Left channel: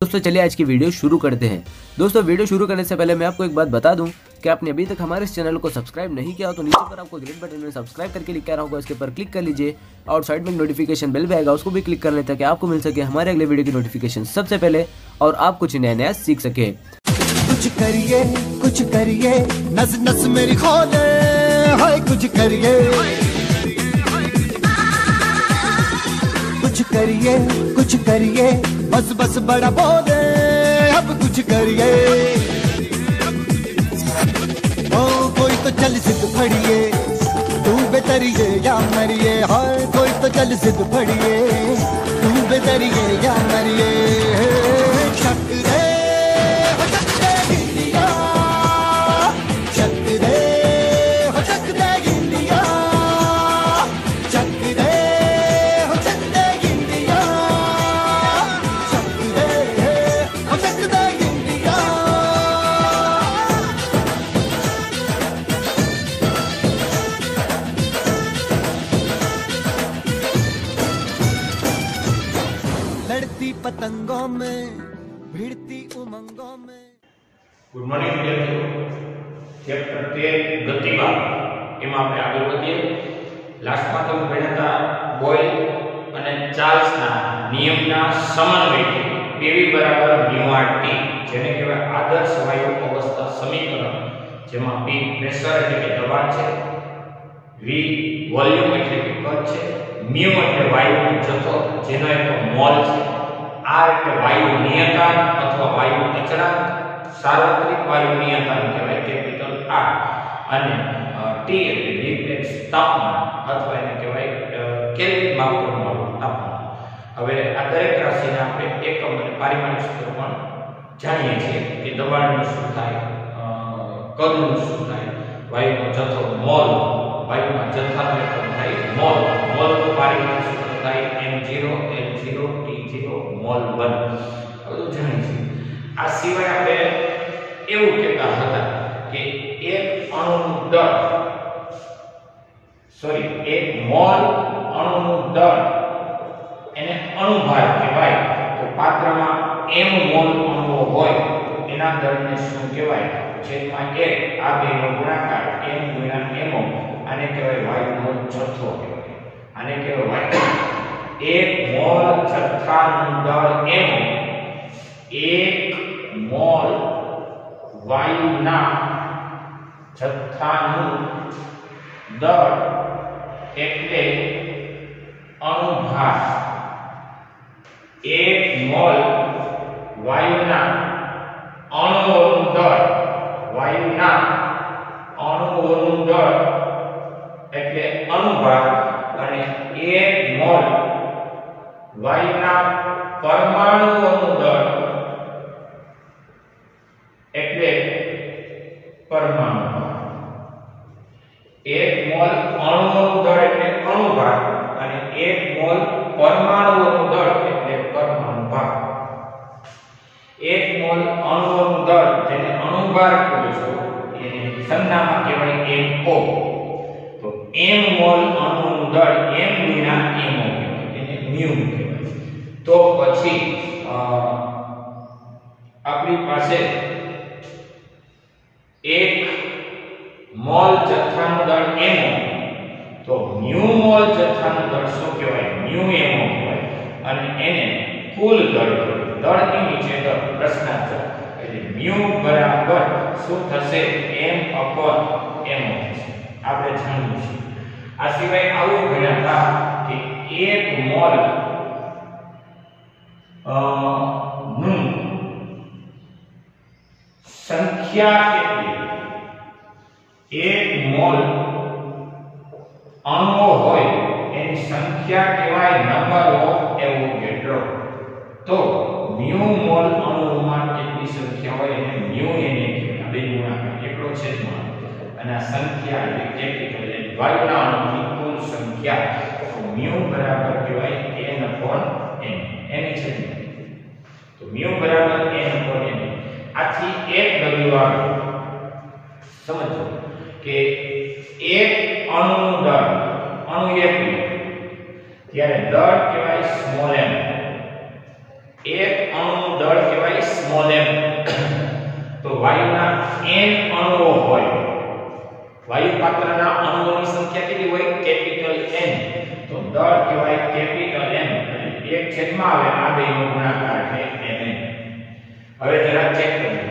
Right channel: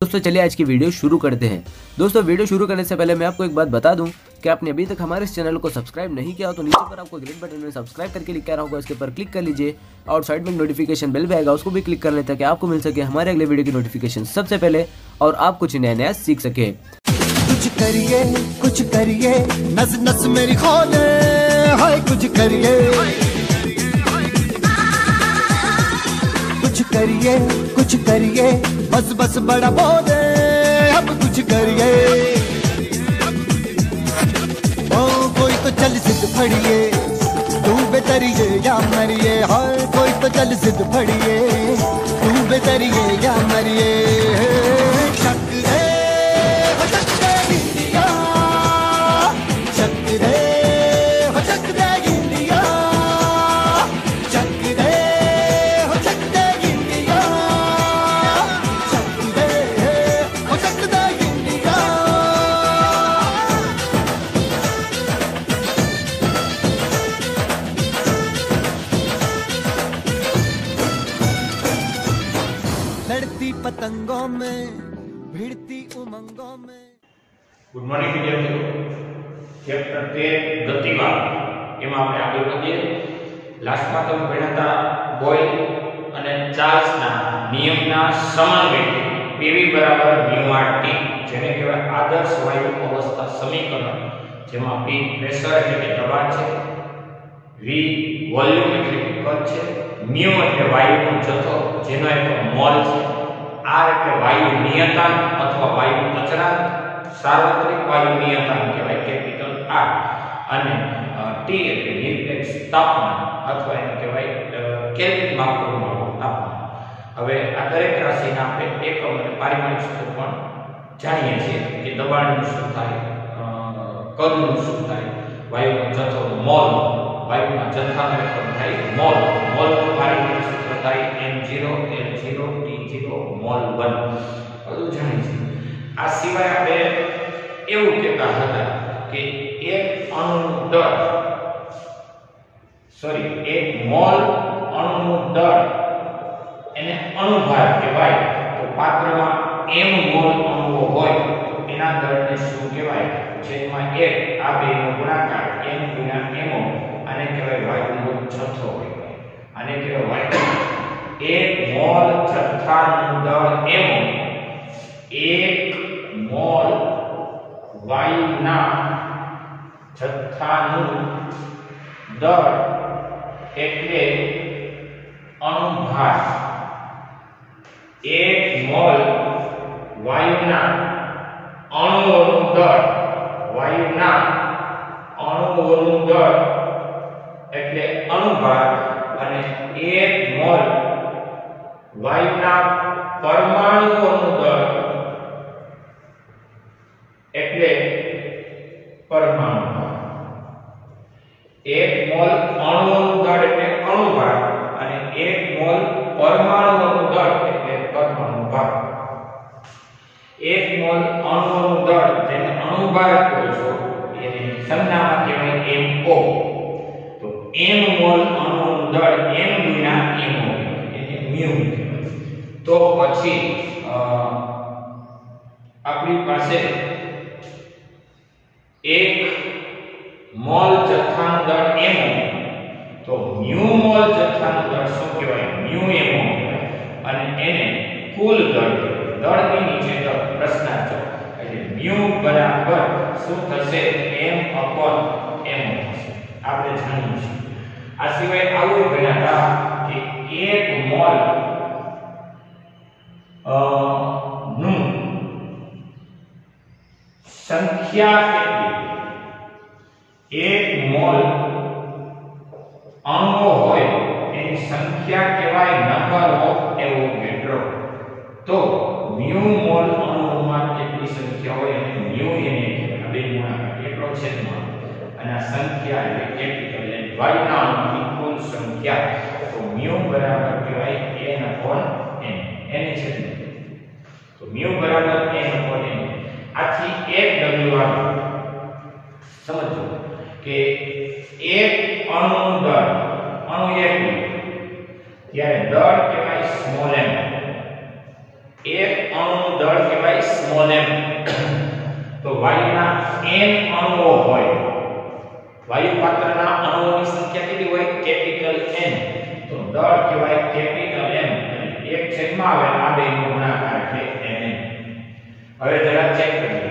दोस्तों चलिए आज की वीडियो शुरू करते हैं। दोस्तों वीडियो शुरू करने से पहले मैं आपको एक बात बता दूं कि आपने अभी तक हमारे इस चैनल को सब्सक्राइब नहीं किया हो तो नीचे पर आपको ग्रेट बटन में सब्सक्राइब करके लिखा रहा होगा, इसके ऊपर क्लिक कर लीजिए और साइड में नोटिफिकेशन बेल भी आएगा, उसको भी क्लिक कर लें ताकि आपको मिल सके हमारे अगले वीडियो की नोटिफिकेशन सबसे पहले और आप कुछ नया नया सीख सके। कुछ करिए नस नस मेरी खोले, हाय कुछ करिए बस बस बड़ा बोले, अब कुछ करिए। ओ कोई तो चल जिद फड़िए, तू बेतरिए या मरिए, हाय कोई तो चल जिद फड़िए, तू बेतरिए या मरिए। शक दे हो शक दे इंडिया, शक दे हो शक दे इंडिया, शक दे हो शक दे इंडिया, शक दे हो शक दे इंडिया। लड़ती पतंगों में, भिड़ती उमंगों में। गुड मॉर्निंग विद्यार्थियों। चैप्टर 13 गतिवाद एम આપણે આગળ વધીએ। લાસ્ટમાં તમે ભણ્યા હતા બોયલ અને ચાર્લ્સના નિયમના સમન્વયથી PV μRT જેને કહેવાય આદર્શ વાયુ અવસ્થા સમીકરણ, જેમાં P પ્રેશર એટલે કે દબાણ છે, V વોલ્યુમ એટલે કે કદ છે, mu એટલે વાયુનો જથ્થો જેનો એક મોલ છે, R એટલે વાયુ નિયતાંક અથવા વાયુ અચળાંક, सार्वत्रिक वायु नियतांक कहेवाय कैपिटल R, અને T એટલે નિરપેક્ષ તાપમાન અથવા એને કહેવાય કેલ્વિન માપકવાળું તાપમાન। હવે આ દરેક રાશિના આપણે એકમ અને પારિમાણિક સૂત્ર પણ જાણીએ છીએ કે દબાણનું શું થાય, કદનું શું થાય, વાયુનો જથ્થો મોલ, વાયુના જથ્થાનો એકમ થાય મોલ, મોલનું પારિમાણિક સૂત્ર થાય m0 l0 t0 મોલ 1 બધું જાણીએ છીએ। આ સિવાય આપણે એવું કહેતા હતા કે એક અણુનું દળ એક મોલ અણુનું દળ એને અણુભાર કહેવાય। તો પાત્રમાં m મોલ અણુઓ હોય એના દળને શું કહેવાય? છેદમાં 1 આ બેનો ગુણાકાર m ગુણ્યા mo, આને કહેવાય વાયુનો જથ્થો કહેવાય। આને કહેવાય એક મોલ જથ્થાનું દળ mo, એક મોલ વાયુના જથ્થાનું દળ એટલે અણુભાર। એક મોલ વાયુના અણુઓનું દળ, વાયુના અણુઓનું દળ એટલે અણુભાર, અને એક મોલ વાયુના પરમાણુઓનું દળ એટલે પરમાણુ ભાર। એક મોલ અણુઓનું દળ એટલે અણુભાર અને એક મોલ પરમાણુઓનું દળ એટલે પરમાણુ ભાર। એક મોલ અણુઓનું દળ જેને અણુભાર કહો છો એને સંજ્ઞામાં કહેવાય mo। તો m મોલ અણુઓનું દળ m ગુણ્યા mo એને mu કહેવાય। તો પછી આપણી પાસે एक मोल जथ्थाનું દળ mo, તો mu મોલ જથ્થાનું દળ શું કહેવાય? mu mo કહેવાય, અને એને કુલ દળ કહેવાય। દળની નીચે દળ પ્રશ્નાર્થ, એટલે mu બરાબર શું થશે? m/mo થશે। આપણે જાણીએ છીએ। આ સિવાય આવું ભણ્યા હતા કે એક મોલ નું संख्या કેટલી? एक मोल अणुओ होय एनी संख्या कहेवाय नंबर ऑफ एवोगेड्रो। तो म्यू मोल अणुओमां કેટલી સંખ્યા હોય એને म्यू એને કહેવાય। બે ગુણાકાર એકડો છેદમાં અને આ સંખ્યા એટલે કેપિટલ એટલે વાયુના અણુની કુલ સંખ્યા। તો म्यू બરાબર કહેવાય n/n, એને છેદમાં, તો म्यू બરાબર n/n। આથી 1 w આવે। સમજો કે એક અણુનું દળ, અણુ એક ત્યારે દળ કહેવાય સ્મોલ m। એક અણુનું દળ કહેવાય સ્મોલ m. તો વાયુના n અણુઓ હોય, વાયુ પાત્રના અણુઓની સંખ્યા કેટલી હોય? Capital N. તો દળ કહેવાય કેપિટલ M અને એક છેદમાં આવે આ બેનો ગુણાકાર એટલે Mn. હવે જરા ચેક કરીએ.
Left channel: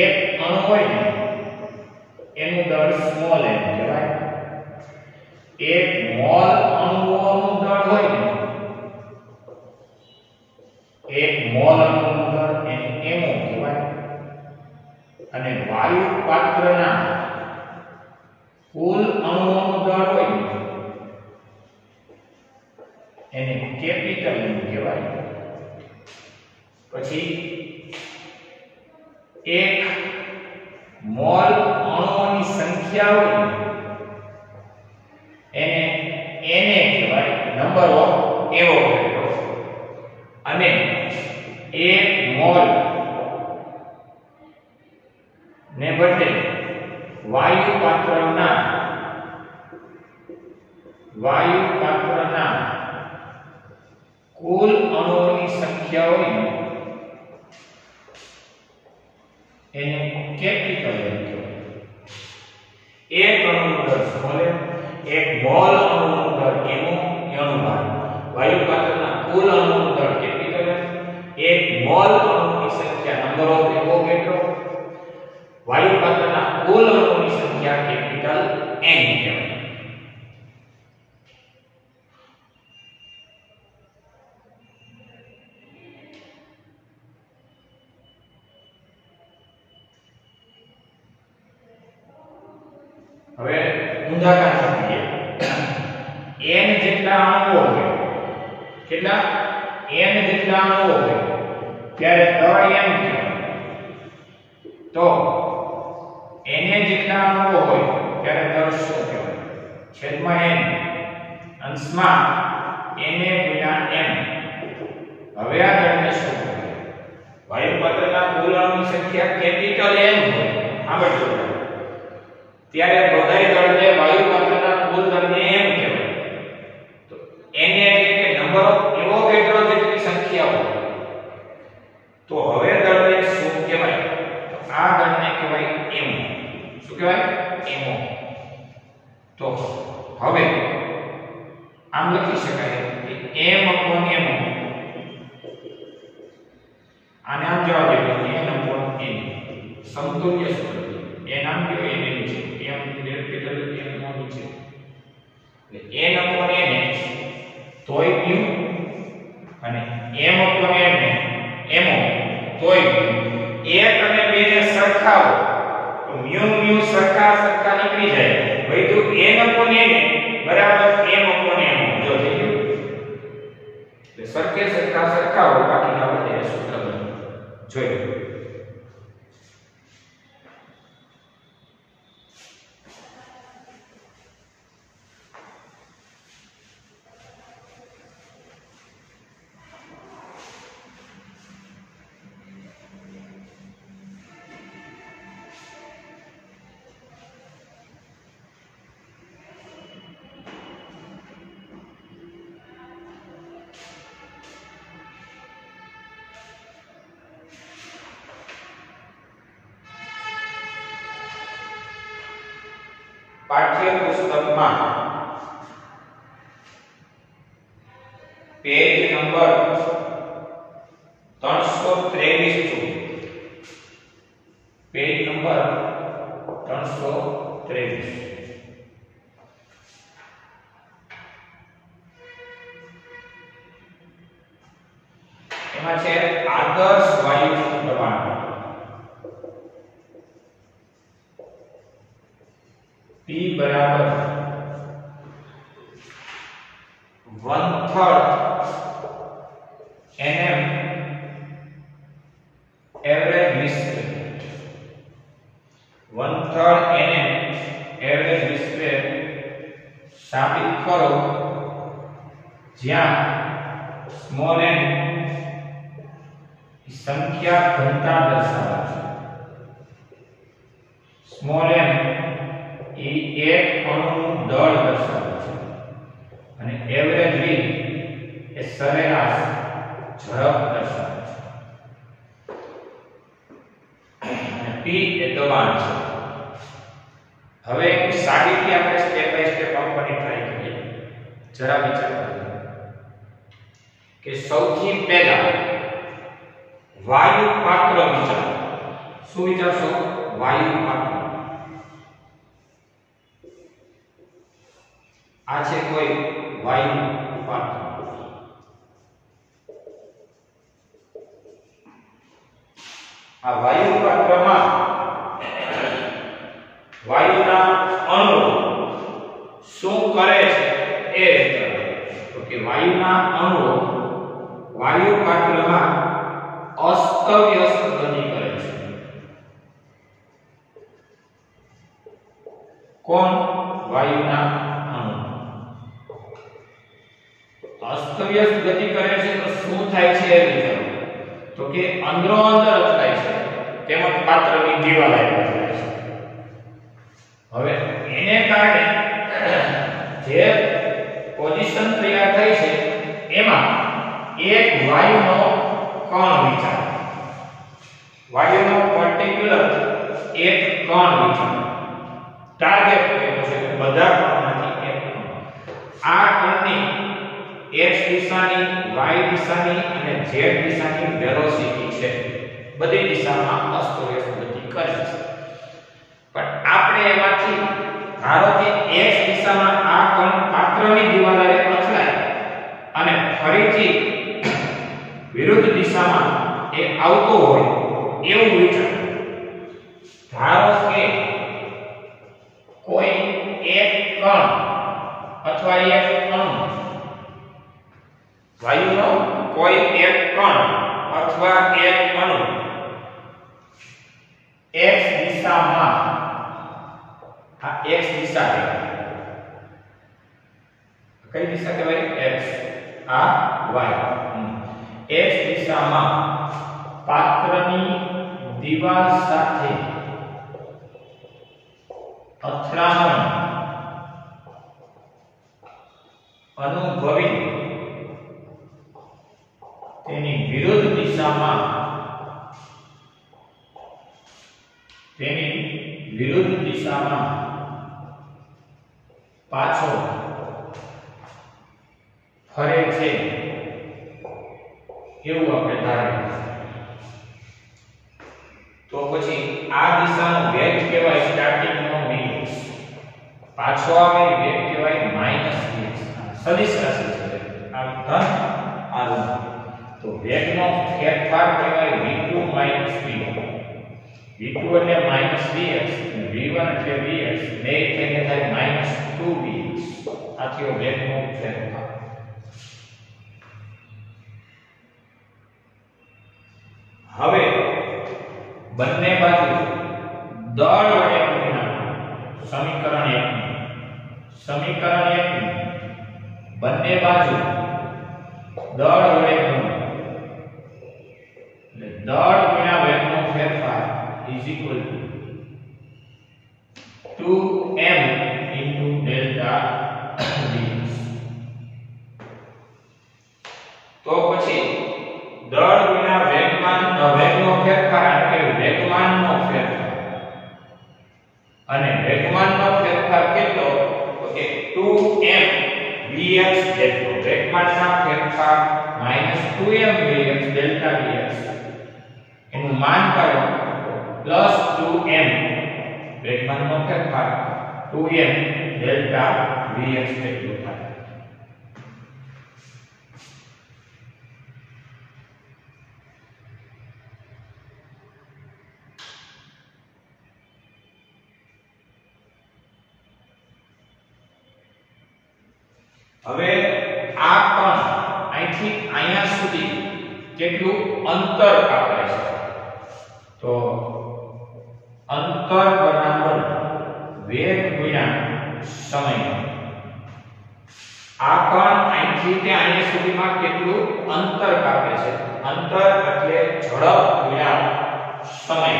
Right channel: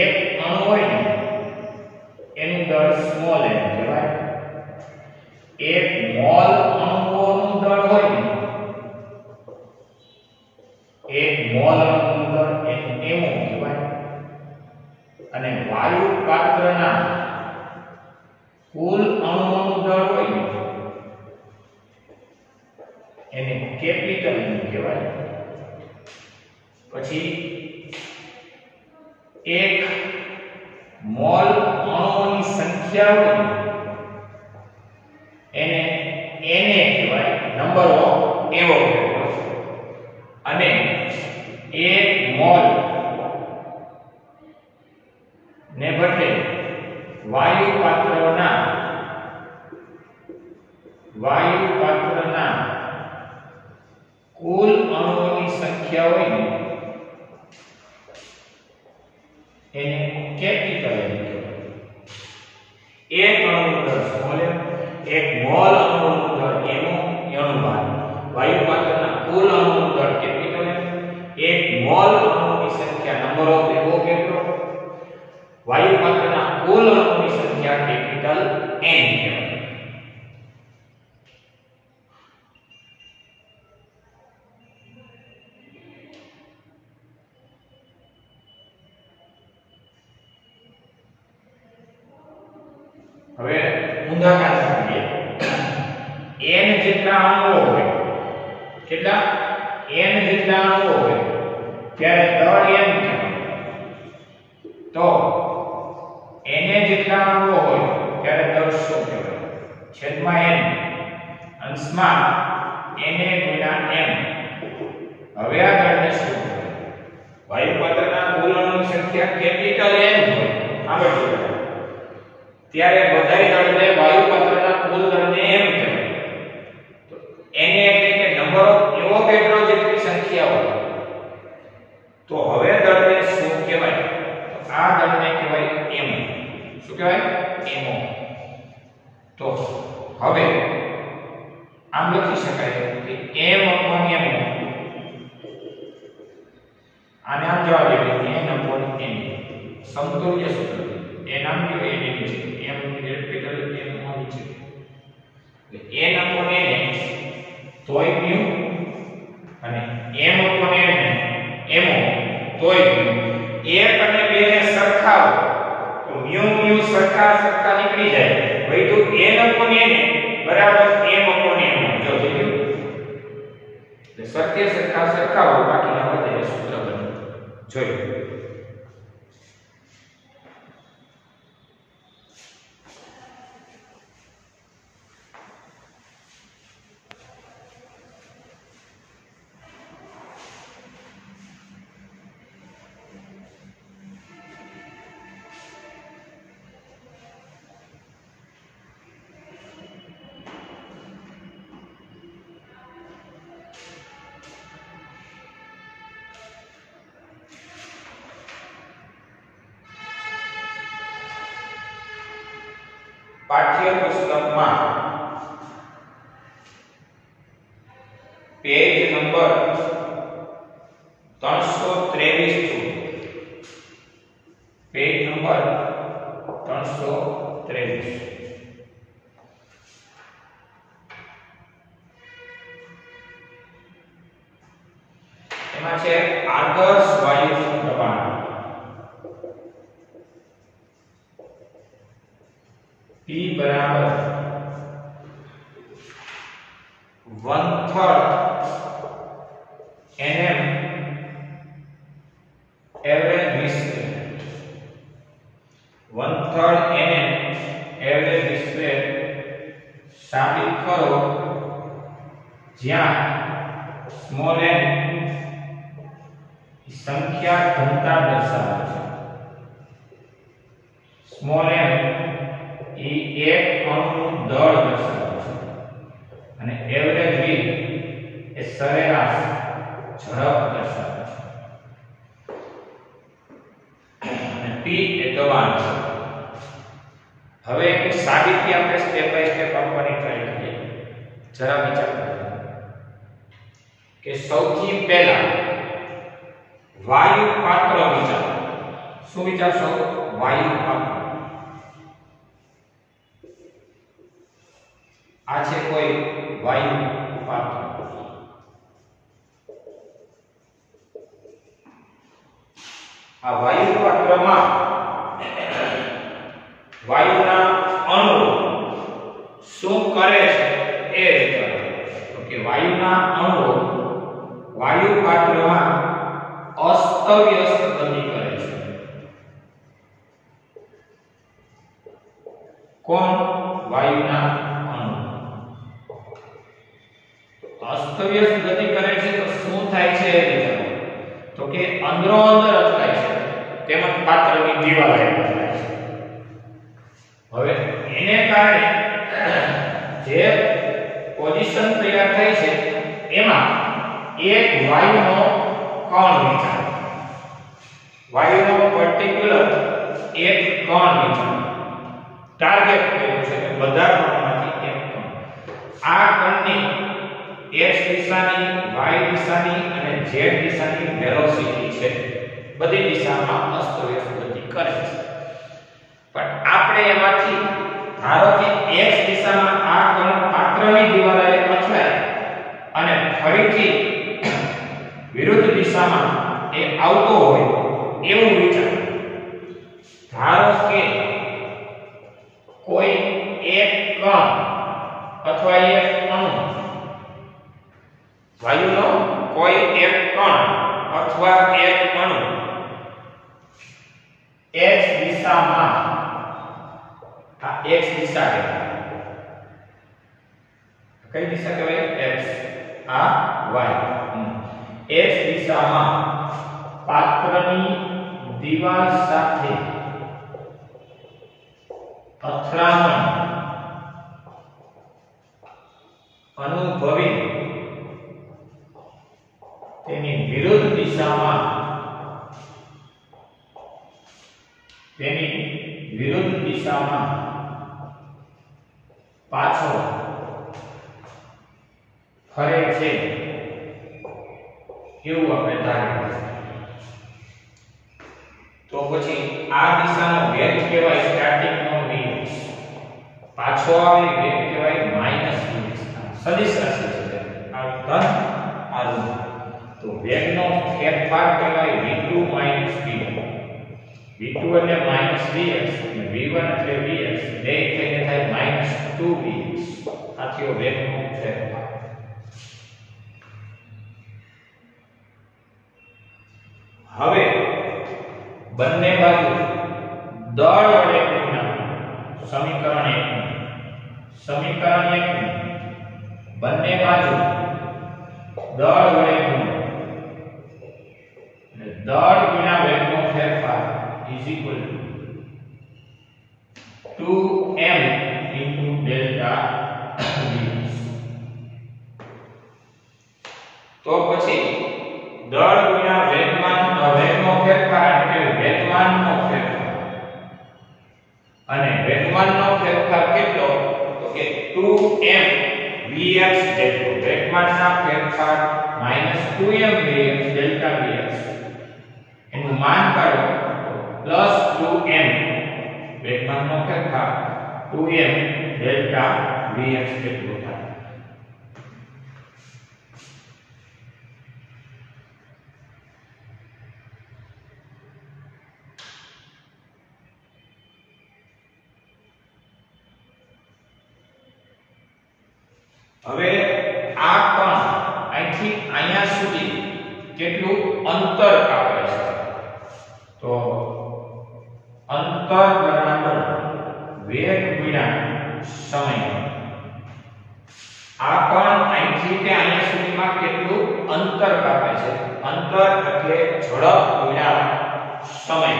એક અણુ હોય ને એનું દળ સ્મોલ m કહેવાય. એક મોલ અણુઓનું દળ હોય ને, એક મોલ અણુનું દળ એનું mo કહેવાય. અને વાયુ પાત્રના કુલ અણુઓનું દળ હોય એને કેપિટલ M કહેવાય. પછી એક મોલ અણુઓની સંખ્યા હોય એને Na કહેવાય, નંબર ઓફ એવોગેડ્રો. અને એક મોલ ને બદલે વાયુ પાત્રના કુલ અણુઓની સંખ્યા હોય ને એને કેપિટલ M કહેવાય. એક અણુનું દળ સ્મોલ m, એક મોલ અણુનું દળ અણુભાર. વાયુ પાત્રના કુલ અણુનું દળ કેપિટલ M, એક મોલ અણુની સંખ્યા નંબર ઓફ એવોગેડ્રો, વાયુ પાત્રના કુલ અણુની સંખ્યા કેપિટલ N કહેવાય. હવે ઊંધા કાંઠા કરીએ. n જેટલા અણુઓ હોય, કેટલા? n જેટલા અણુઓ હોય ત્યારે દળ m કહેવાય. તો Na જેટલા અણુઓ હોય ત્યારે દળ શું કહેવાય? છેદમાં n અંશમાં Na ગુણ્યા m. હવે આ દળને શું કહેવાય? વાયુ પાત્રના કુલ અણુની સંખ્યા કેપિટલ M હોય આગળ જોડો ત્યારે બધાય દળને વાયુ પાત્રના કુલ દળને m કહેવાય. તો Na એટલે કે નંબર ઓફ એવોગેડ્રો જેટલી સંખ્યા હોય. તો હવે દળને શું કહેવાય? આ દળને કહેવાય m. શું કહેવાય? mo. તો હવે આમ લખી શકાય કે m/mo. આને આમ જવા દઈએ n/n. સમતુલ્ય સૂત્ર એ નામ કે n છે, m કેપિટલ m મોલ છે. એટલે n/n તોય q અને m/n ને mo તોય q. એક અને બે ને સરખાવો તો mu સરખા નીકળી જાય. વૈધું n/n બરાબર m/n. જો થયું એટલે સરખાવો બાકીના વધે સૂત્ર બને. જોઈ પાઠ્ય પુસ્તકમાં પેજ નંબર 323 પેજ નંબર 323 એમાં છે આદર્શ વાયુ દબાણ. P बराबर 1/3 nm एवरेज विस्फेट. 1/3 nm एवरेज विस्फेट साबित करो જ્યાં स्मॉल n संख्या घनता दर्शावे છે. स्मॉल m એ એક અણુનું દળ દર્શાવે છે અને એવરેજ v એ સરેરાશ ઝડપ દર્શાવે છે અને p એ દબાણ છે. હવે સાદીથી આપણે સ્ટેપ બાય સ્ટેપ આપવાની ટ્રાય કરીએ. જરા વિચાર કરો કે સૌથી પહેલા વાયુ પાત્ર વિચારો. શું વિચારશો? વાયુ પાત્ર. આ છે કોઈ વાયુ પાત્ર. આ વાયુ પાત્રમાં વાયુના અણુઓ શું કરે છે એ વિચારો. તો કે વાયુના અણુઓ વાયુ પાત્રમાં અસ્તવ્યસ્ત ગતિ કરે છે. કોણ? વાયુના અણુ અસ્તવ્યસ્ત ગતિ કરે છે. તો શું થાય છે એ વિચારો. તો કે અંદરો અંદર અથડાય છે, તેમજ પાત્રની દિવાલ અથડાય છે. હવે એને કારણે જે પોઝિશન તૈયાર થાય છે એમાં એક વાયુનો કણ વિચારો. વાયુનો પર્ટિક્યુલર એક કણ વિચારો. ટાર્ગેટ કર્યો છે બધા કણમાંથી એક કણ. આ કણની x દિશાની, y દિશાની અને z દિશાની વેલોસિટી છે. બધી દિશામાં અસ્તવ્યસ્ત ગતિ કરે છે. પણ આપણે એમાંથી ધારો કે x દિશામાં આ કણ પાત્રની દિવાલે અથડાય અને ફરીથી વિરુદ્ધ દિશામાં એ આવતો હોય એવું વિચારો. ધારો કે કોઈ એક કણ અથવા એક અણુ વાયુનો કોઈ એક કણ અથવા એક અણુ x દિશામાં, આ x દિશા છે. કઈ દિશા કહેવાય? x. આ y. x દિશામાં પાત્રની દિવાલ સાથે અથડામણ અનુભવી તેની વિરુદ્ધ દિશામાં પાછો ફરે છે એવું આપણે ધારીએ. તો પછી આ દિશાનો વેગ કહેવાય સ્ટાર્ટિંગ નો vx, પાછો આવે વેગ કહેવાય -vx. સદિશ રાશિ છે, આ ધન આ ઋણ. તો વેગનો ફેરફાર કહેવાય v2 - v. v2 એટલે -vx અને v1 એટલે vx, બે થઈને થાય -2vx. આ થયો વેગનો ફેરફાર. હવે બંને બાજુ દળ વડે ગુણ્યા સમીકરણ 1 બંને બાજુ દળ વડે ગુણ્યા એટલે દળ ગુણ્યા વેગનો ફેરફાર is equal to 2m into delta dx. તો પછી દળ ગુણ્યા વેગનો ફેરફાર એટલે વેગમાનનો ફેરફાર, અને વેગમાનનો ફેરફાર કેટલો? તો કે 2m vx જેટલો. વેગમાનના ફેરફાર -2m vx delta dx એનું માન કાઢો પ્લસ 2m વેગમાનનો ફેરફાર 2m delta vx જેટલો થાય. હવે આ કણ અહીંથી અહીંયા સુધી કેટલું અંતર કાપે છે? તો અંતર બરાબર વેગ ગુણ્યા સમય. આ કણ અહીંથી કે અહીંયા સુધીમાં કેટલું અંતર કાપે છે? અંતર એટલે ઝડપ ગુણ્યા સમય,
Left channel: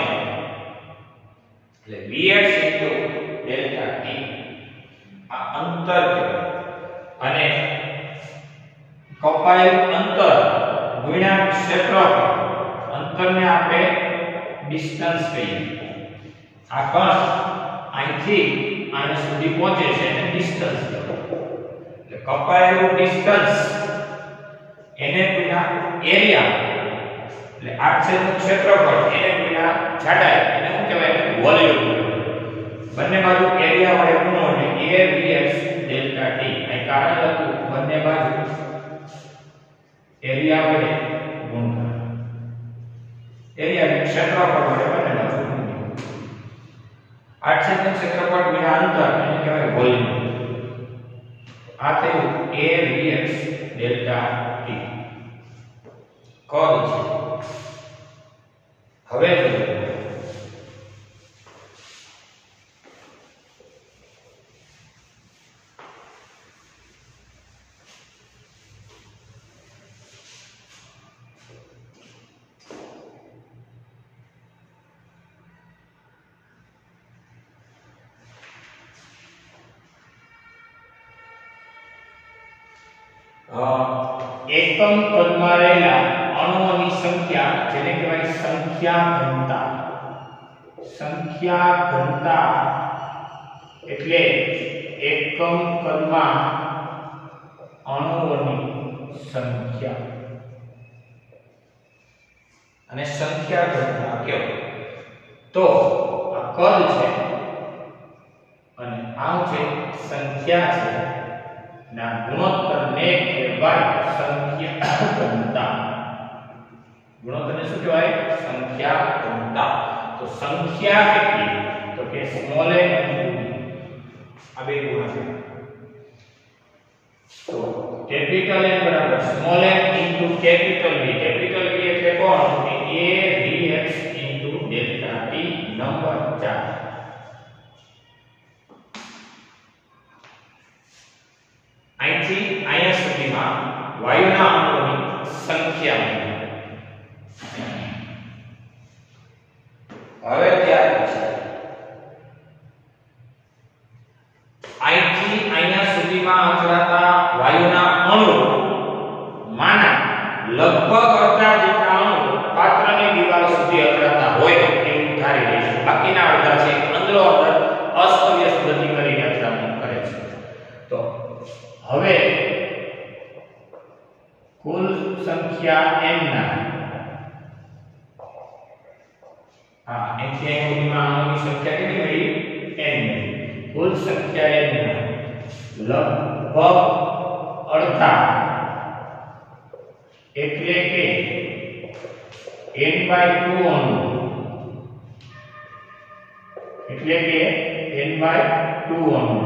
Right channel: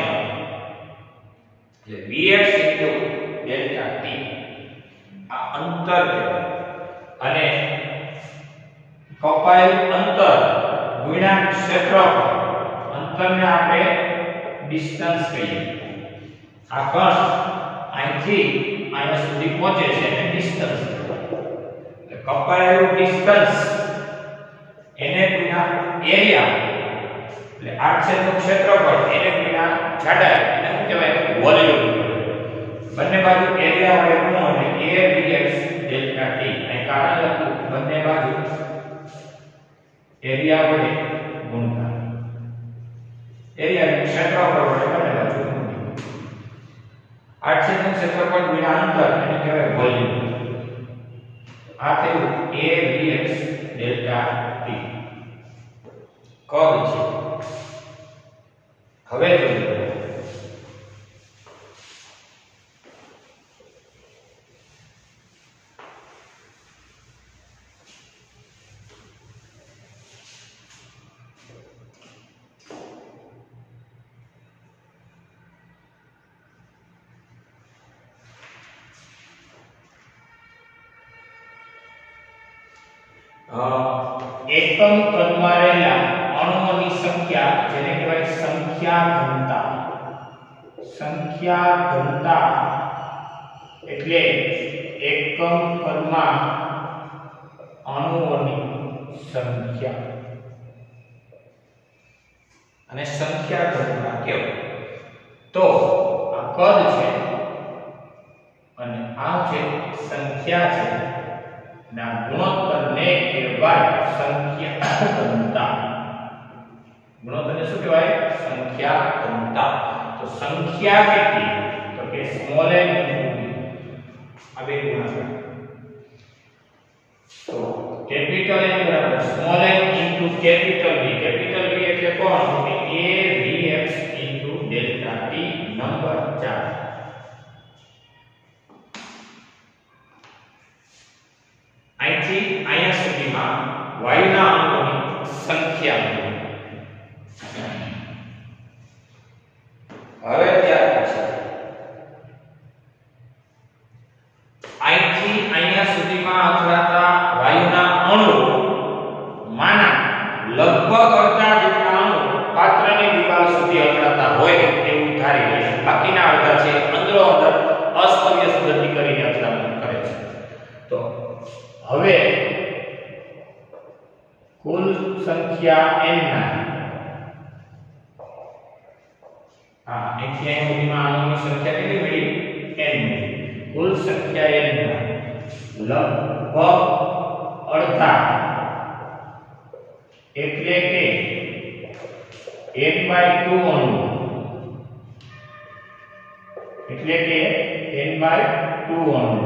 એટલે vx delta t. આ અંતર અને કપાયેલું અંતર ગુણ્યા ક્ષેત્રફળ, અંતરને આપણે ડિસ્ટન્સ કહીએ. આ કણ અહીંથી અહીંયા સુધી પહોંચે છે એને ડિસ્ટન્સ કહેવાય. એટલે કપાયેલું ડિસ્ટન્સ એને ગુણ્યા એરિયા, એટલે આ ક્ષેત્રફળ એને ગુણ્યા જાડાઈ, એટલે શું કહેવાય? વોલ્યુમ. બંને બાજુ એરિયા વડે ગુણો એટલે a dx ડેલ્ટા t. અહીં કારણ લખ્યું બંને બાજુ એરિયા વડે ગુણતા. એરિયા ક્ષેત્રફળ વડે બંને બાજુ ગુણો. આ ક્ષેત્રફળ ગુણ્યા અંતર એને કહેવાય વોલ્યુમ. આ થયું a dx delta t. Curve છે. હવે જોઈએ એકમ કદમાં રહેલા અણુઓની સંખ્યા, જેને કહેવાય સંખ્યા ઘનતા. સંખ્યા ઘનતા એટલે એકમ કદમાં અણુઓની સંખ્યા, અને સંખ્યા ઘનતા કહેવાય. તો આ કદ છે અને આ જે સંખ્યા છે ના ગુણોત્તરને કહેવાય સંખ્યા ઘનતા. ગુણોત્તરને શું કહેવાય? સંખ્યા ઘનતા. તો સંખ્યા કેટલી? તો કે સ્મોલ n આ બે ગુણાકાર. તો કેપિટલ N બરાબર small n into capital B. Capital B એટલે કોણ? કે a dx into delta t number 4. અહીંથી અહીંયા સુધીમાં વાયુના અણુઓની સંખ્યા. હવે ત્યાર પછી અહીંથી અહીંયા સુધીમાં અથડાતા વાયુના અણુઓ માના લગભગ અડધા જેટલા અણુ પાત્રની દિવાલ સુધી અથડાતા હોય એવું ધારી લઈશું. બાકીના અડધા છે અંદરો અંદર અસ્તવ્યસ્ત ગતિ કરીને અથડામણ કરે છે. તો હવે કુલ સંખ્યા n ના અહીંથી સુધીમાં અણુઓની સંખ્યા કેટલી મળી? n. કુલ સંખ્યા n ના લગભગ અડધા એટલે કે n/2 અણુ, એટલે કે n/2 અણુ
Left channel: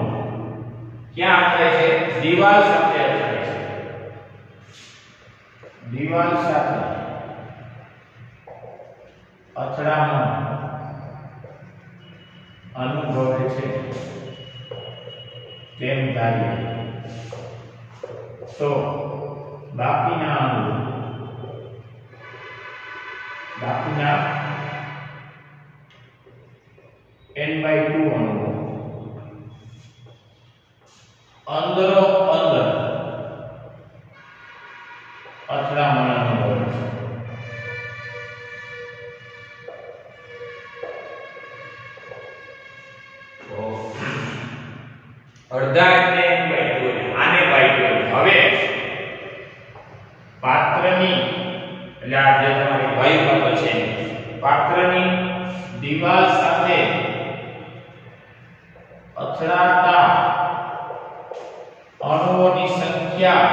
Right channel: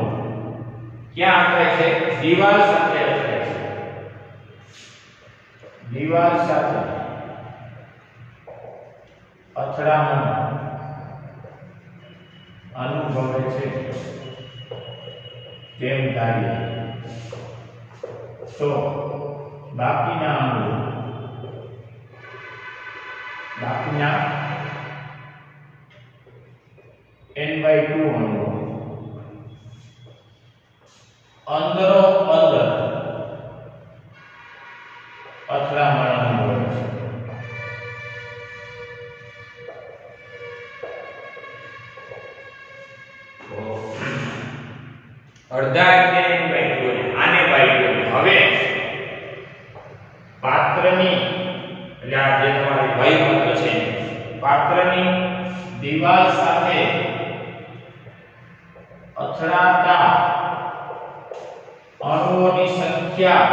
ક્યાં અથડાય છે? દિવાલ સાથે અથડાય છે. દિવાલ સાથે અથડામણ અનુભવે છે તેમ ધારીએ તો બાકીના અણુઓ, બાકીના n/2 અણુઓ અંદરો અંદર અથડામણ અનુભવે છે. અડધા એટલે આને બાય. હવે પાત્રની, એટલે આ જે તમારી વાયુ પાત્ર છે, પાત્રની દિવાલ સાથે અથડાતા અણુઓની સંખ્યા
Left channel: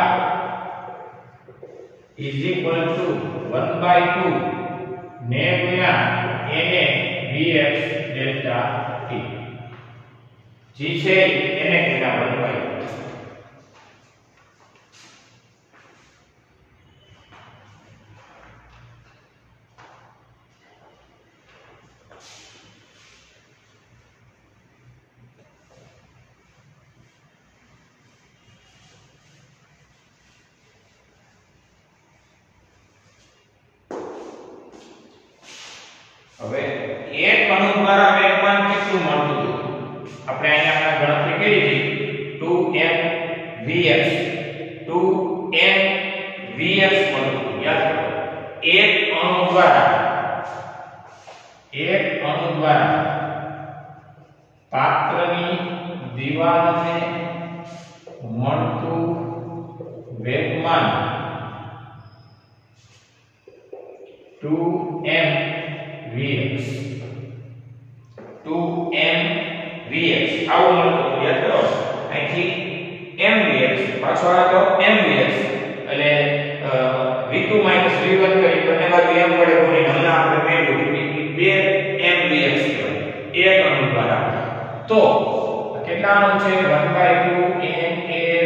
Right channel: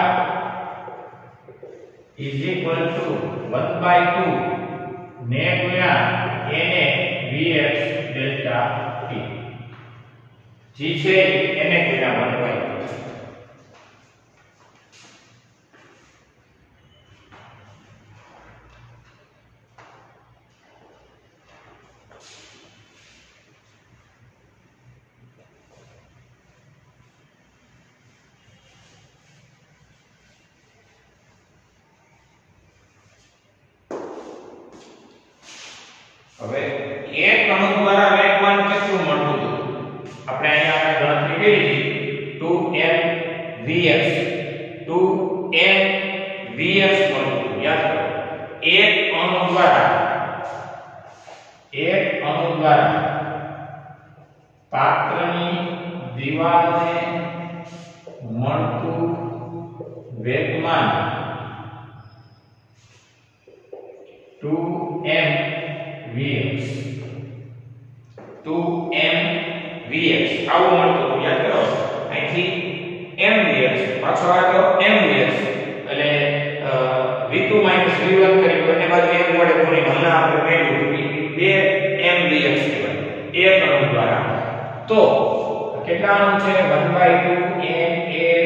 is equal to 1/2 ને ગુણ્યા na vx ડેલ્ટા t. જે છે એને ગુણ્યા 1/2. હવે એક અણુ દ્વારા વેગમાન કેટલું મળતું હતું? આપણે અહીંયા આપણે ગણતરી કરી હતી 2m vx મળતું. યાદ કરો દ્વારા પાત્રની દીવાલને મળતું વેગમાન 2mvx 2mvx આવું મળતું યાદ કરો અહીંથી mvx પાછો આવ્યો mvx એટલે v2 v1 કરી બંને બાજુ m વડે ગુણી હમણાં આપણે મેળવ્યું કે 2mvx કહેવાય એક અણુ દ્વારા તો કેટલા અણુ છે 1/2 ma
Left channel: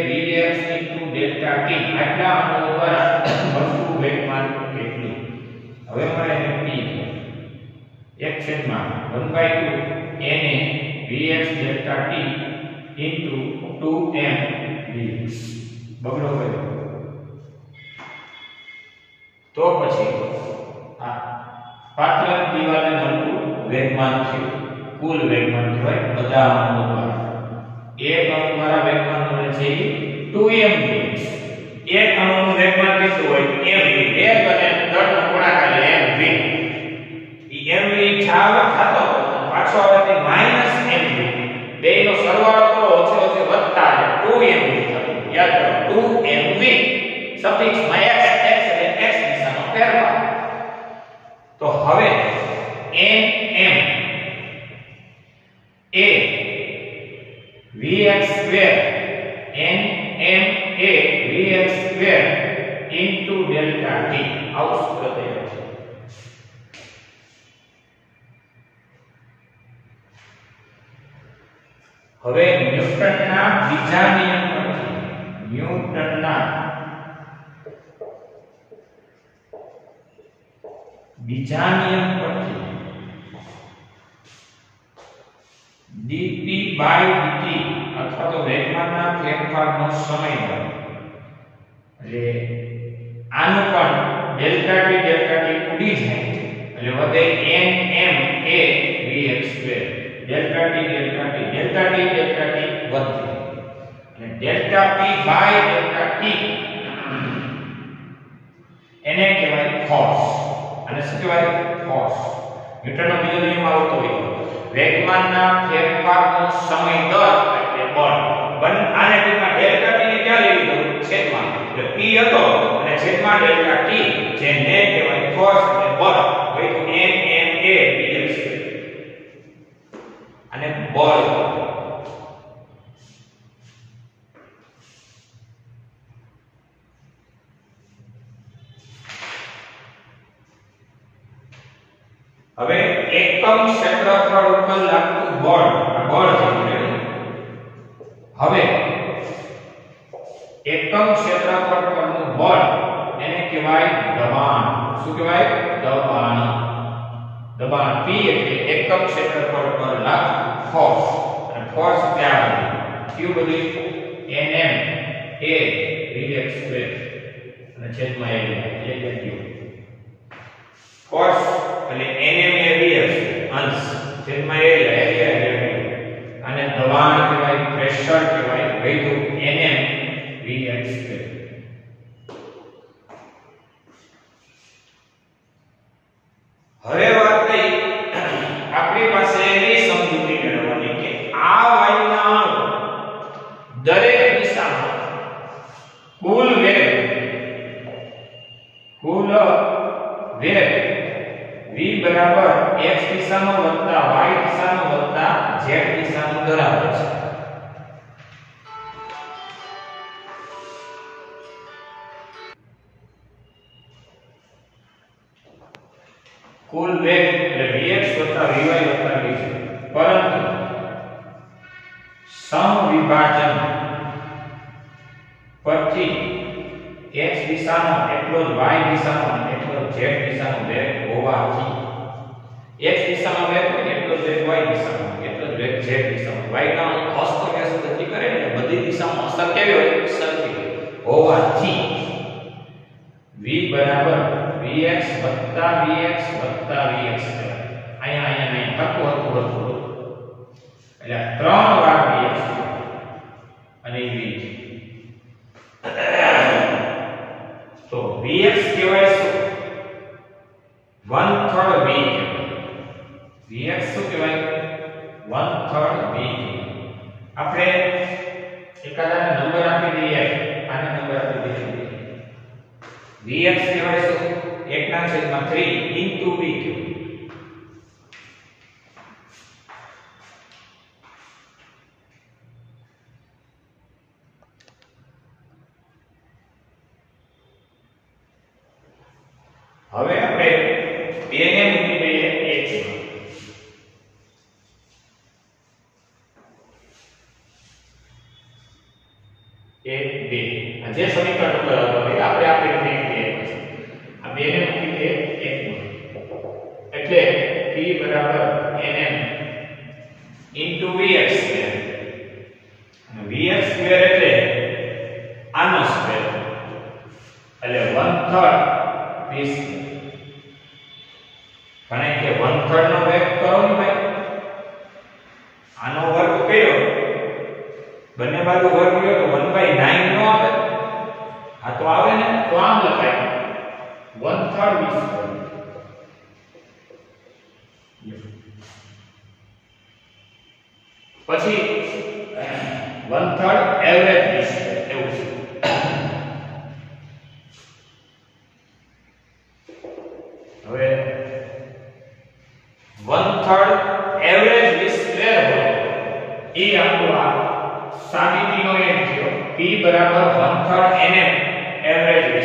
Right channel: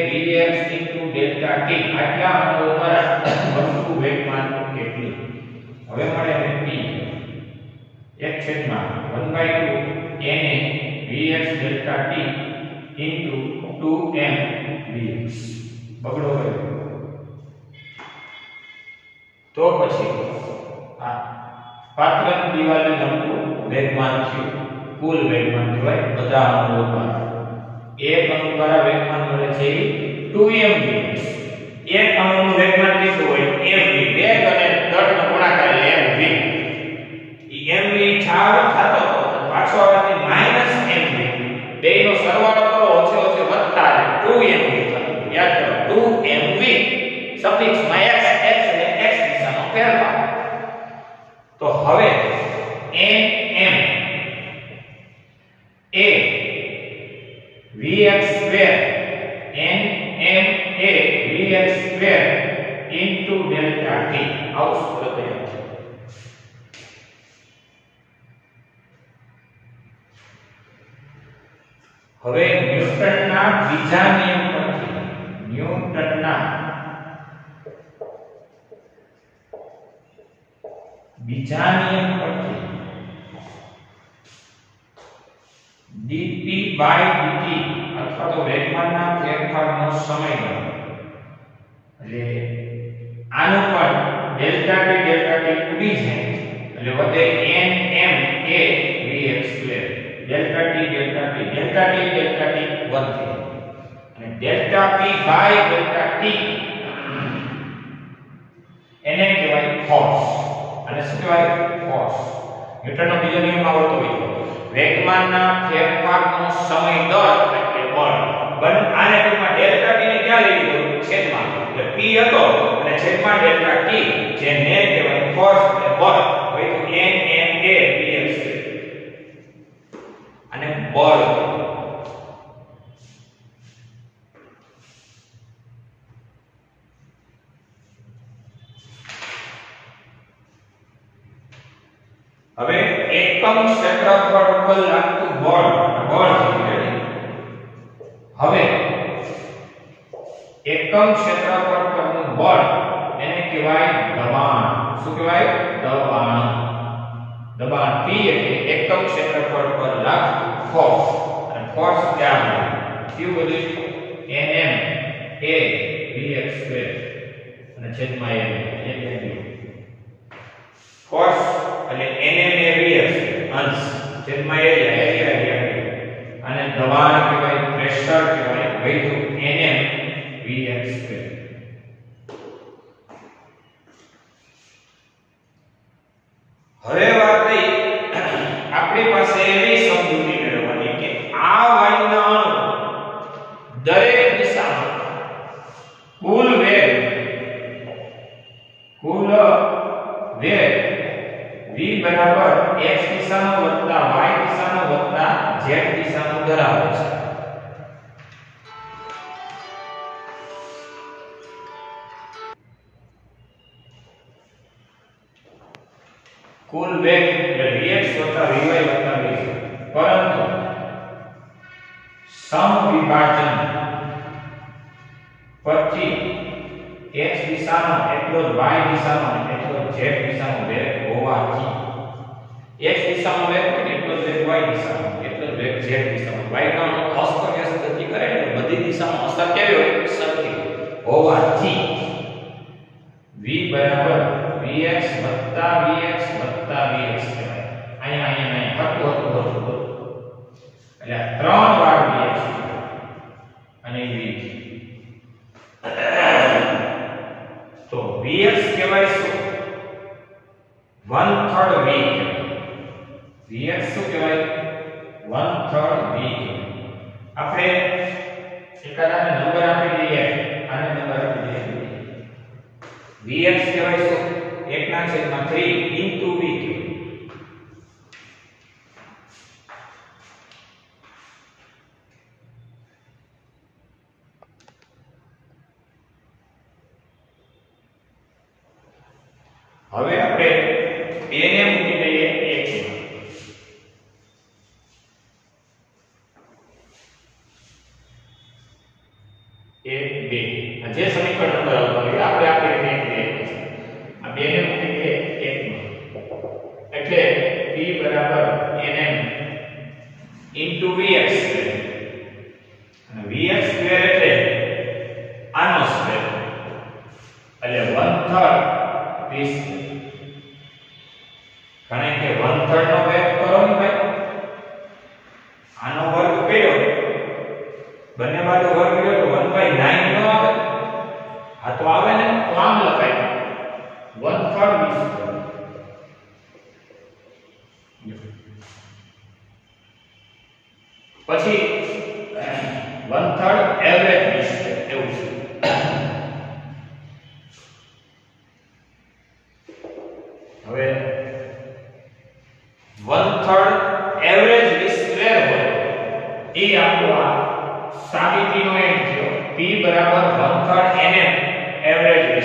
vx * delta t આટલા અણુ દ્વારા મળતું વેગમાન કેટલું હવે મળે આપણે p 1/2 na vx delta t into 2m vx બગડો ગયો તો પછી આ પાત્રની દીવાલને મળતું વેગમાન છે કુલ વેગમાન કહેવાય બધા અણુઓ દ્વારા એક અણુ દ્વારા વેગમાન મળે છે 2m vx એક અણુનું વેગમાન કેટલું હોય mv વેગ અને દળનો ગુણાકાર એટલે mv mv છાવ થતો પાછો આવે -mv બેયનો સરવાળો કરો ઓછો વધતા 2mv યાદ કરો 2mv સફિક્સમાં x અને x દિશામાં ફેરફાર તો હવે nm એ vx સ્ક્વેર nm એ vx square into delta t આવું સૂત્ર તૈયાર છે હવે ન્યૂટનના બીજા નિયમ પરથી ન્યૂટનના બીજા નિયમ પરથી dt by dt અથવા તો વેગમાનના ફેરફારનો સમય એટલે આનું પણ ડેલ્ટા t ઉડી જાય એટલે વધે nm a vx square delta t વધે અને delta p by delta t એને કહેવાય ફોર્સ અને શું કહેવાય ફોર્સ ન્યૂટનનો બીજો નિયમ આવતો હોય વેગમાનના ફેરફારનો સમય દર એટલે બળ બન આને ટૂંકમાં ડેલ્ટા t ને ક્યાં લઈ લીધો છેદમાં એટલે p હતો અને છેદમાં ડેલ્ટા t જેને કહેવાય ફોર્સ એટલે બળ હોય તો n m a vx અને બળ હવે એકમ ક્ષેત્રફળ ઉપર લાગતું બળ છે હવે એકમ ક્ષેત્રફળ પરનું બળ એને કહેવાય દબાણ શું કહેવાય દબાણ P એટલે એકમ ક્ષેત્રફળ પર લાગતું ફોર્સ અને ફોર્સ ક્યાં Q બધી nm a vx સ્ક્વેર અને છેદમાં એરિયા ફોર્સ એટલે nm એ vx અંશ છેદમાં એરિયા અને દબાણ કહેવાય પ્રેશર કહેવાય વૈધુ nm vx સ્ક્વેર હવે વાત થઈ આપણી પાસે એવી સમજૂતી મેળવવાની કે આ વાયુના અણુ દરેક દિશામાં કુલ વેગ v બરાબર x દિશાનો વત્તા y દિશાનો વત્તા z દિશાનો ધરાવે છે કુલ વેગ એટલે vx વત્તા vy વત્તા vz પરંતુ સમવિભાજન પછી x દિશાનો એટલો જ y દિશાનો એટલો z દિશાનો વેગ હોવાથી x દિશામાં વેગ એટલો જ વેગ y દિશામાં એટલો જ વેગ z દિશામાં y નો અસ્તવ્યસ્ત ગતિ કરે એટલે બધી દિશામાં અસર કેવી હોય સરખી હોવાથી v બરાબર vx vx કહેવાય અહીંયા હતું એટલે 3 વાર vx અને v તો vx કહેવાય શું 1/3 v vx શું કહેવાય 1/3 v આપણે એકાદાને નંબર આપી દઈએ આને નંબર આપી દઈએ vx કહેવાય શું 1/3 into v હવે આપણે બેને મૂકી દઈએ 1 2 જે સમીકરણ નંબર આવતો હોય આપણે આપી દઈએ આ બેને મૂકી દઈએ 1 એટલે p બરાબર nm vx અને vx સ્ક્વેર એટલે આનો સ્ક્વેર એટલે 1/3 v કારણ કે 1/3 નો વર્ગ કરો ને ભાઈ આનો વર્ગ કર્યો બંને બાજુ વર્ગ કર્યો તો 1/9 નો આવે આ તો આવે ને તો આમ લખાય 1/3 v પછી 1/3 એવરેજ v એવું છે હવે 1/3 એવરેજ v સ્ક્વેર હોય એ આપણો આ સાબિતીનો એક થયો p બરાબર 1/3 nm એવરેજ v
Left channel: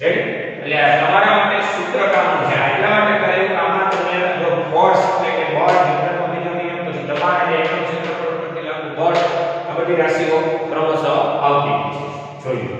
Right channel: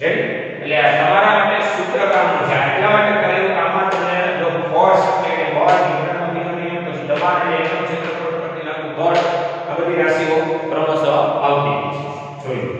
રેડી એટલે આ તમારા માટે સૂત્ર કામનું છે એટલા માટે કરેલું કામમાં તમને જો ફોર્સ એટલે કે બળ ન્યૂટનનો બીજો નિયમ પછી દબાણ એટલે એકમ ક્ષેત્રફળ પરથી લાગતું બળ આ બધી રાશિઓ ક્રમશઃ આવતી છે જોઈએ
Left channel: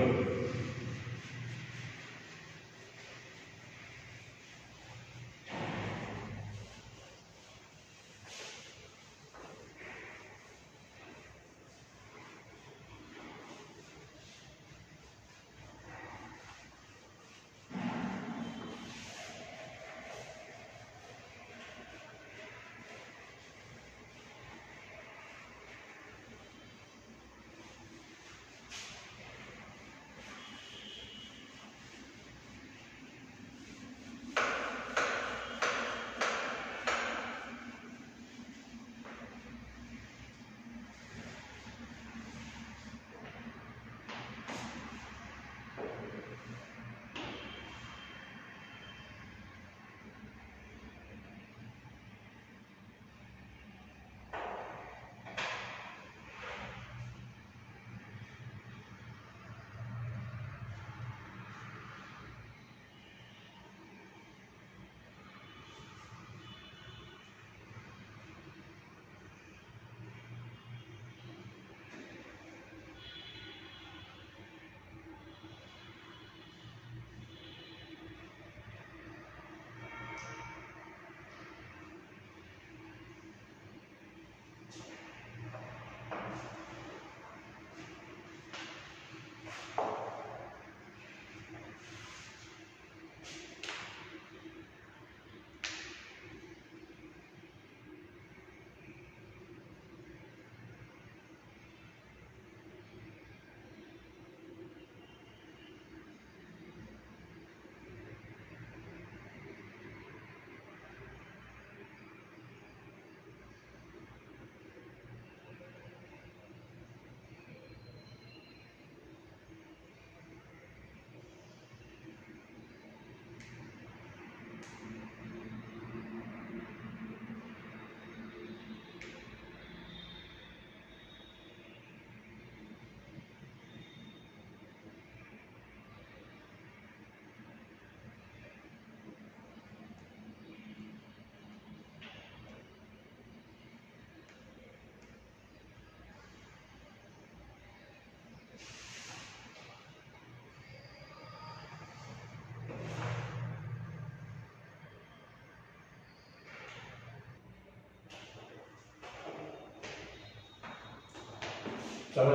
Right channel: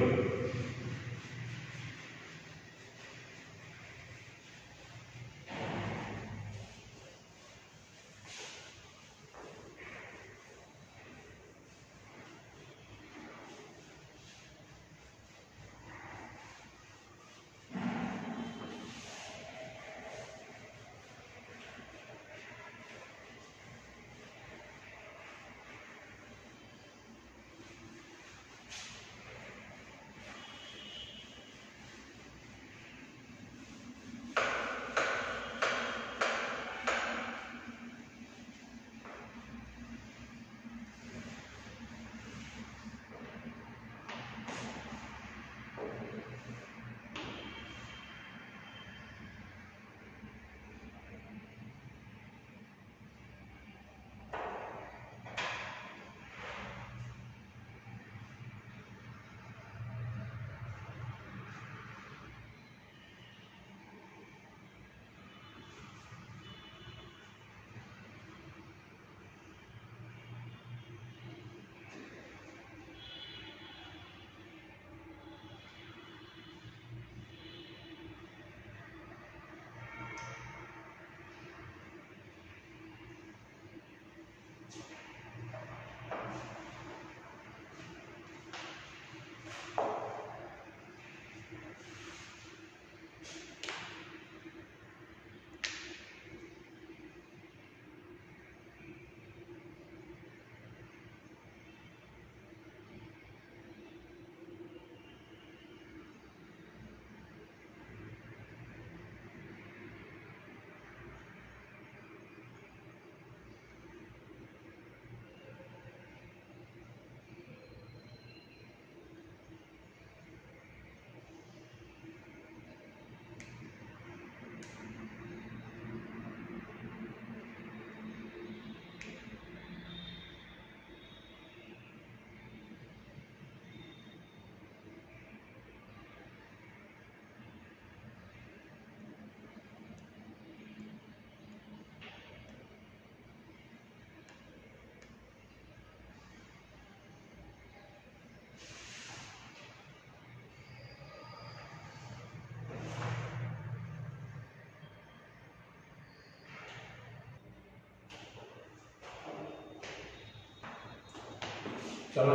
ચલો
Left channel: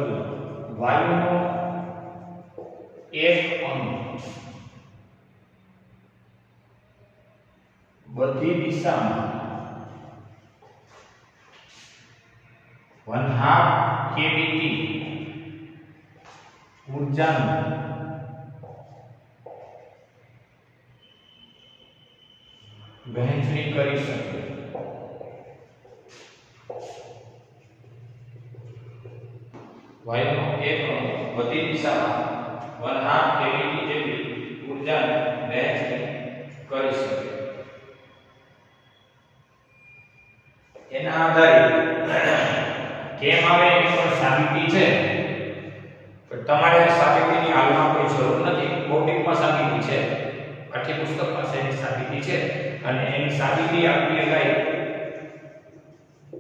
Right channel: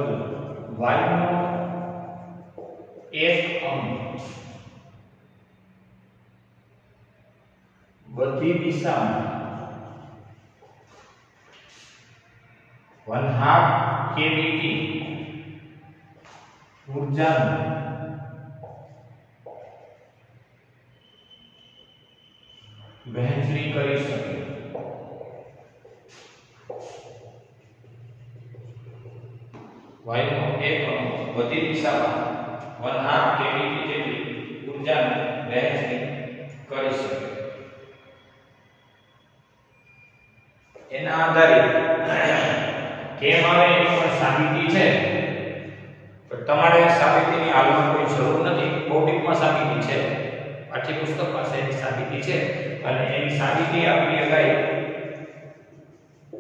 વાયુનો એક અણુ બધી દિશામાં 1/2 kBt ઊર્જાનું વહેંચણી કરી શકે। વાયુનો એક અણુ બધી દિશામાં 1/2 કેવીટી જેટલી ઊર્જાની વહેંચણી કરી શકે। એના આધારે કેમ આવે એની પણ સાબિતી છે, પણ તમારે સાબિતીની હાલમાં કોઈ જરૂર નથી। બૌદ્ધિકમાં સાબિતી છે, પાઠ્યપુસ્તકમાં એની સાબિતી છે, અને એની સાબિતી આપણી આગળ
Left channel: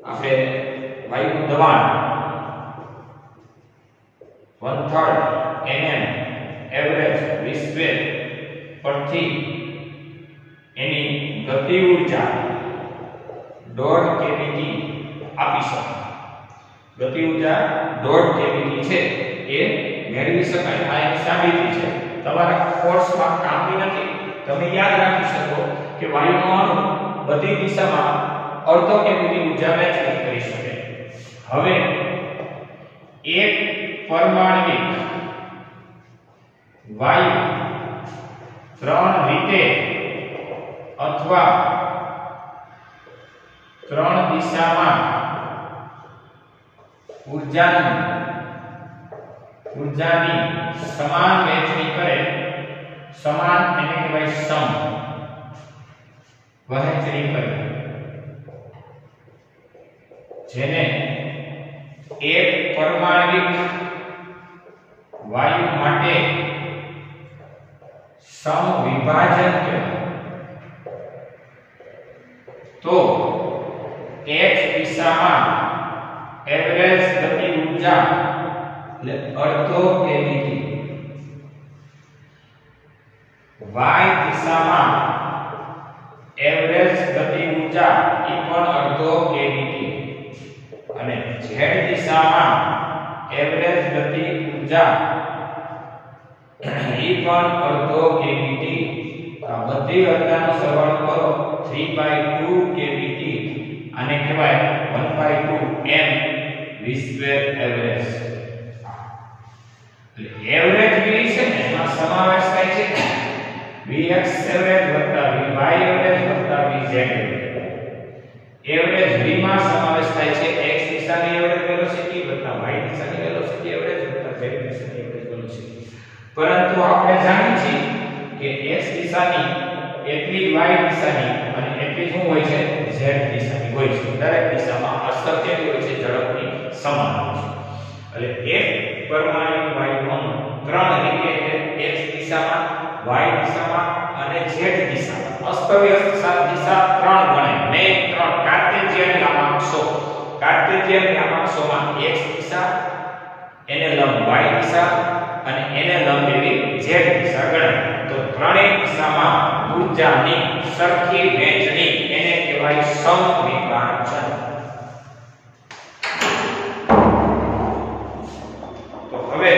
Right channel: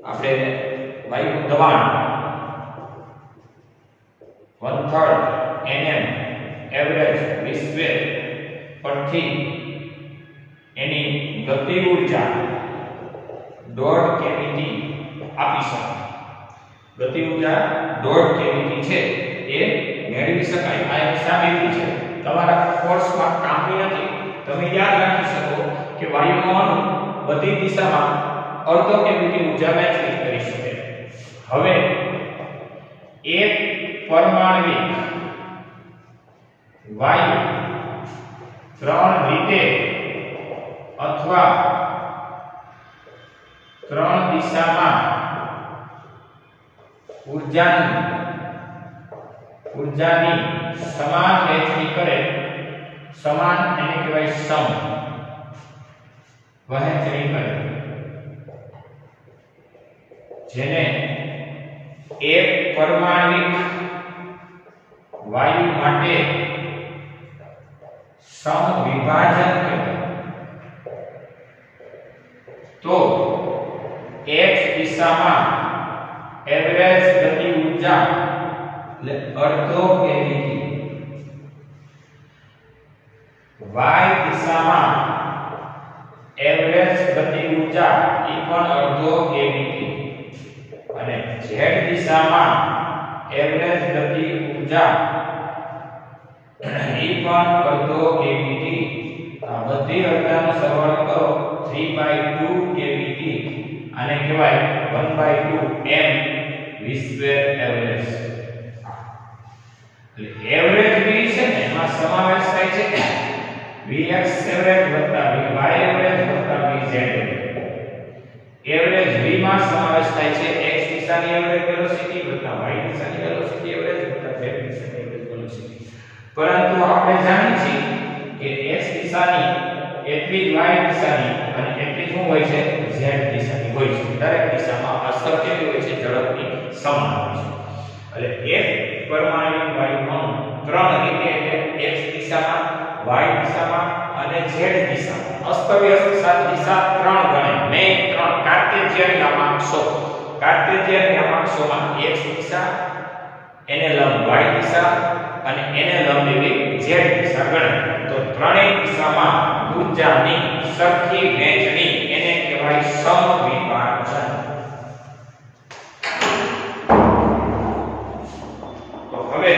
આપણે વાયુનું દબાણ 1/3 mm એવરેજ વિસ્ક્વેર પરથી એની ગતિ ઊર્જા 1.5 કેવીટી આપી શકાય। ગતિ ઊર્જા 1.5 કેવીટી છે એ મેળવી શકાય। આ એક સાબિતી છે, તમારા કોર્સમાં કામની નથી। તમે યાદ રાખી શકો કે વાયુનો અણુ બધી દિશામાં 1/2 કેવીટી ઊર્જા વહેંચણી કરી શકે। હવે એક પરમાણ્વિક વાયુ 3 રીતે અથવા 3 દિશામાં ઊર્જાની સમાન વહેંચણી કરે, સમાન એને કહેવાય સમ વહેંચણી કરે, જેને એક પરમાણ્વિક વાયુ માટે સમવિભાજન કહેવાય। તો x દિશામાં એવરેજ ગતિ ઊર્જા એટલે 1/2 કેવીટી, y દિશામાં એવરેજ ગતિ ઊર્જા એ પણ 1/2 કેવીટી, અને z દિશામાં એવરેજ ગતિ ઊર્જા એ પણ 1/2 કેવીટી। આ બધી અડધાનો સરવાળો કરો 3/2 કેવીટી, આને કહેવાય 1/2 m v² એવરેજ। એટલે એવરેજ v છે ને એમાં સમાવેશ થાય છે vx એવરેજ વત્તા vy એવરેજ વત્તા vz એવરેજ v માં સમાવેશ થાય છે x દિશાની એવરેજ વેલોસિટી વત્તા y દિશાની વેલોસિટી એવરેજ વત્તા z દિશાની એવરેજ વેલોસિટી। પરંતુ આપણે જાણીએ છીએ કે x દિશાની એટલી y દિશાની અને એટલી શું હોય છે z દિશાની હોય છે। દરેક દિશામાં અસર કેવી હોય છે ઝડપની સમાન હોય છે। એટલે એક પરમાણ્વિક વાયુનો 3 રીતે એટલે x દિશામાં y દિશામાં અને z દિશામાં અસ્તવ્યસ્ત દિશા 3 ગણે નહીં 3 કાર્ટેશિયન યામાક્ષોમાં x દિશા એને લંબ y દિશા અને એને લંબ એવી z દિશા ગણે। તો ત્રણેય દિશામાં ઊર્જાની સરખી વહેંચણી એને કહેવાય સમવિભાજન। તો હવે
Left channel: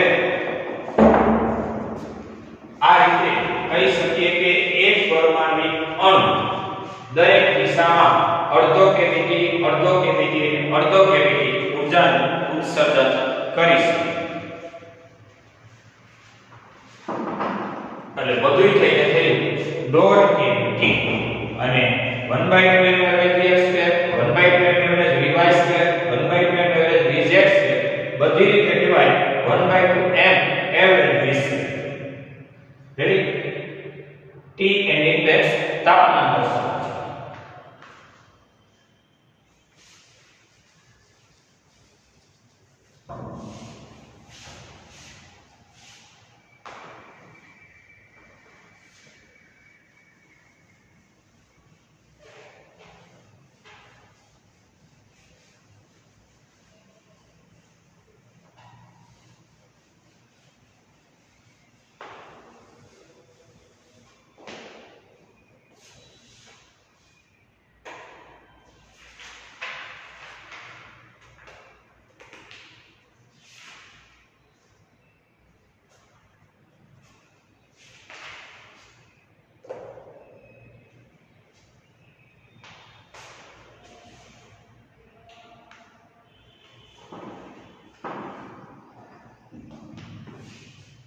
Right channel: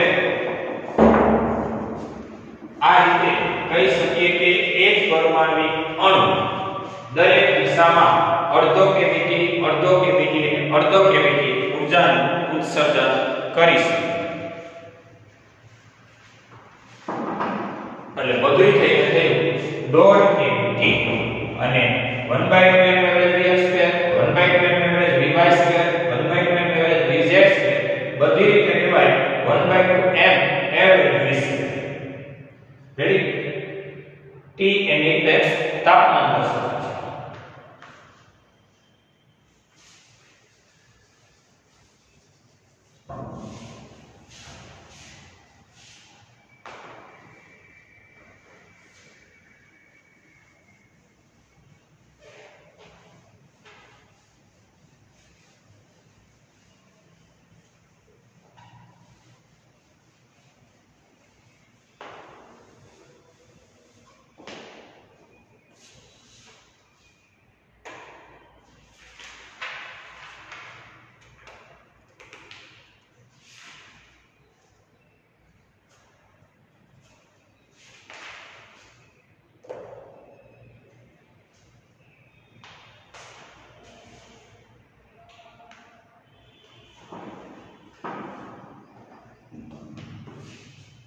આ રીતે કહી શકીએ કે એક પરમાણ્વિક અણુ દરેક દિશામાં 1/2 કેવીટી 1/2 કેવીટી 1/2 કેવીટી ઊર્જાનું ઉત્સર્જન કરી શકે। એટલે બધુંય થઈને થયું 1/2 કેવીટી અને 1/2 average vx² 1/2 average vy² 1/2 average vz² બધી રીતે કહેવાય 1/2 m average v²। Ready? T એની ઇન્ડેક્સ તાપમાન દર્શાવે છે।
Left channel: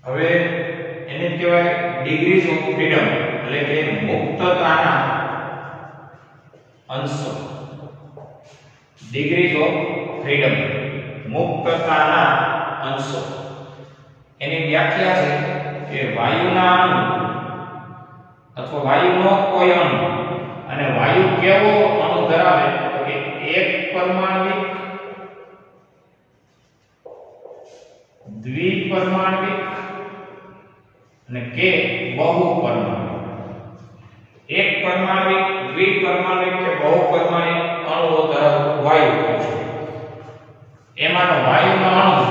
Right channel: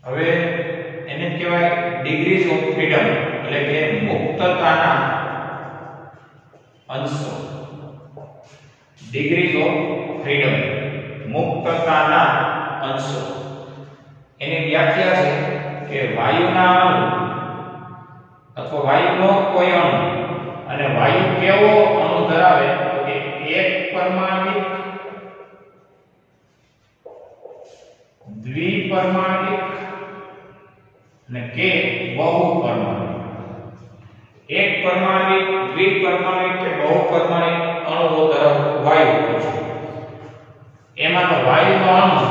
હવે એને કહેવાય ડિગ્રીઝ ઓફ ફ્રીડમ એટલે કે મુક્તતાના અંશો ડિગ્રીઝ ઓફ ફ્રીડમ મુક્તતાના અંશો એની વ્યાખ્યા છે કે વાયુના અણુ અથવા વાયુનો કોઈ અણુ અને વાયુ કેવો અણુ ધરાવે તો કે એક પરમાણ્વિક દ્વિપરમાણ્વિક અને કે બહુપરમાણ્વિક એક પરમાણ્વિક દ્વિપરમાણ્વિક કે બહુપરમાણ્વિક અણુઓ ધરાવતું વાયુ હોય છે એમાંનો વાયુનો અણુ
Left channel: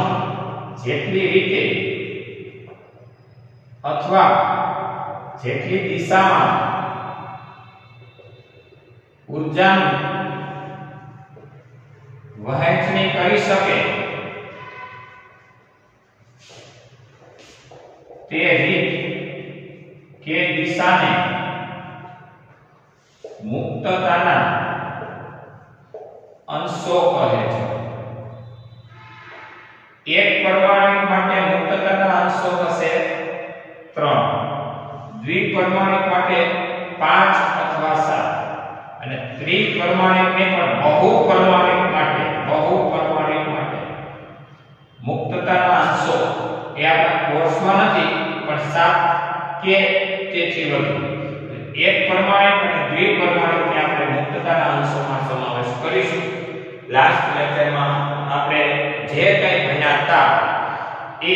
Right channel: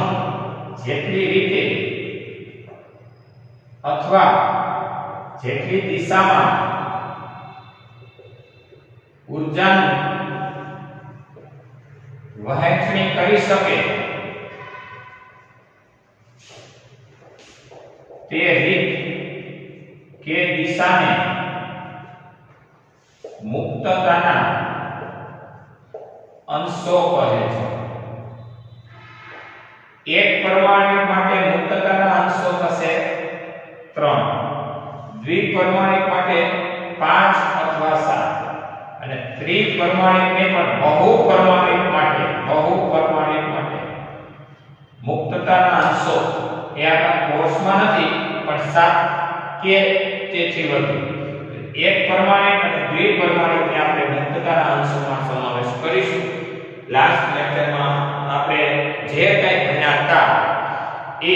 જેટલી રીતે અથવા જેટલી દિશામાં ઊર્જાનું વહેંચણી કરી શકે તે રીત કે દિશાને મુક્તતાના અંશો કહે છે એક પરમાણુ માટે મુક્તતાના અંશો થશે 3 દ્વિપરમાણિક માટે 5 અથવા 7 અને ત્રિપરમાણિકને પણ બહુપરમાણિક માટે મુક્તતાના અંશો એ આપણા કોર્સમાં નથી પણ 7 કે તેથી વધુ એક પરમાણિક અને દ્વિપરમાણિકને આપણે મુક્તતાના અંશોમાં સમાવેશ કરીશું લાસ્ટ લેક્ચરમાં આપણે જે કંઈ ભણ્યા હતા એ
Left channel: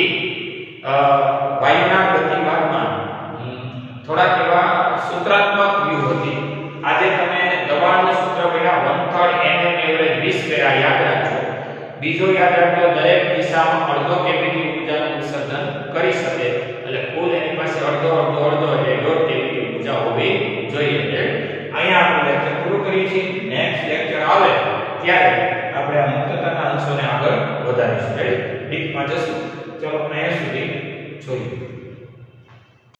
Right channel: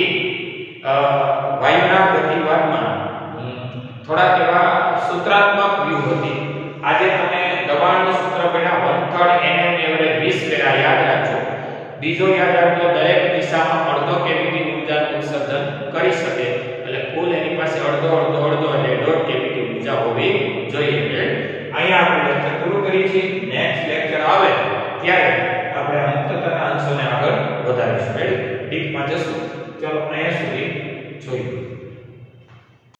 વાયુના પ્રતિભાગમાં થોડા એવા સૂત્રાત્મક વ્યૂહ હતી આજે તમે દબાણનું સૂત્ર ભણ્યા 1/3 nm એવરેજ 20 વેરા યાદ રાખજો બીજો યાદ રાખજો દરેક દિશામાં અડધો કેવીટી ઊર્જાનું ઉત્સર્જન કરી શકે એટલે કુલ એની પાસે અડધો એટલે 1.5 કેવીટી ઊર્જા હોવી જોઈએ અહીંયા આપણે લેક્ચર પૂરું કરીએ છીએ નેક્સ્ટ લેક્ચર આવે ત્યારે આપણે આ મુક્તતાના અંશોને આગળ વધારીશું ડીપમાં જશું ચલો અહીંયા સુધી જોઈએ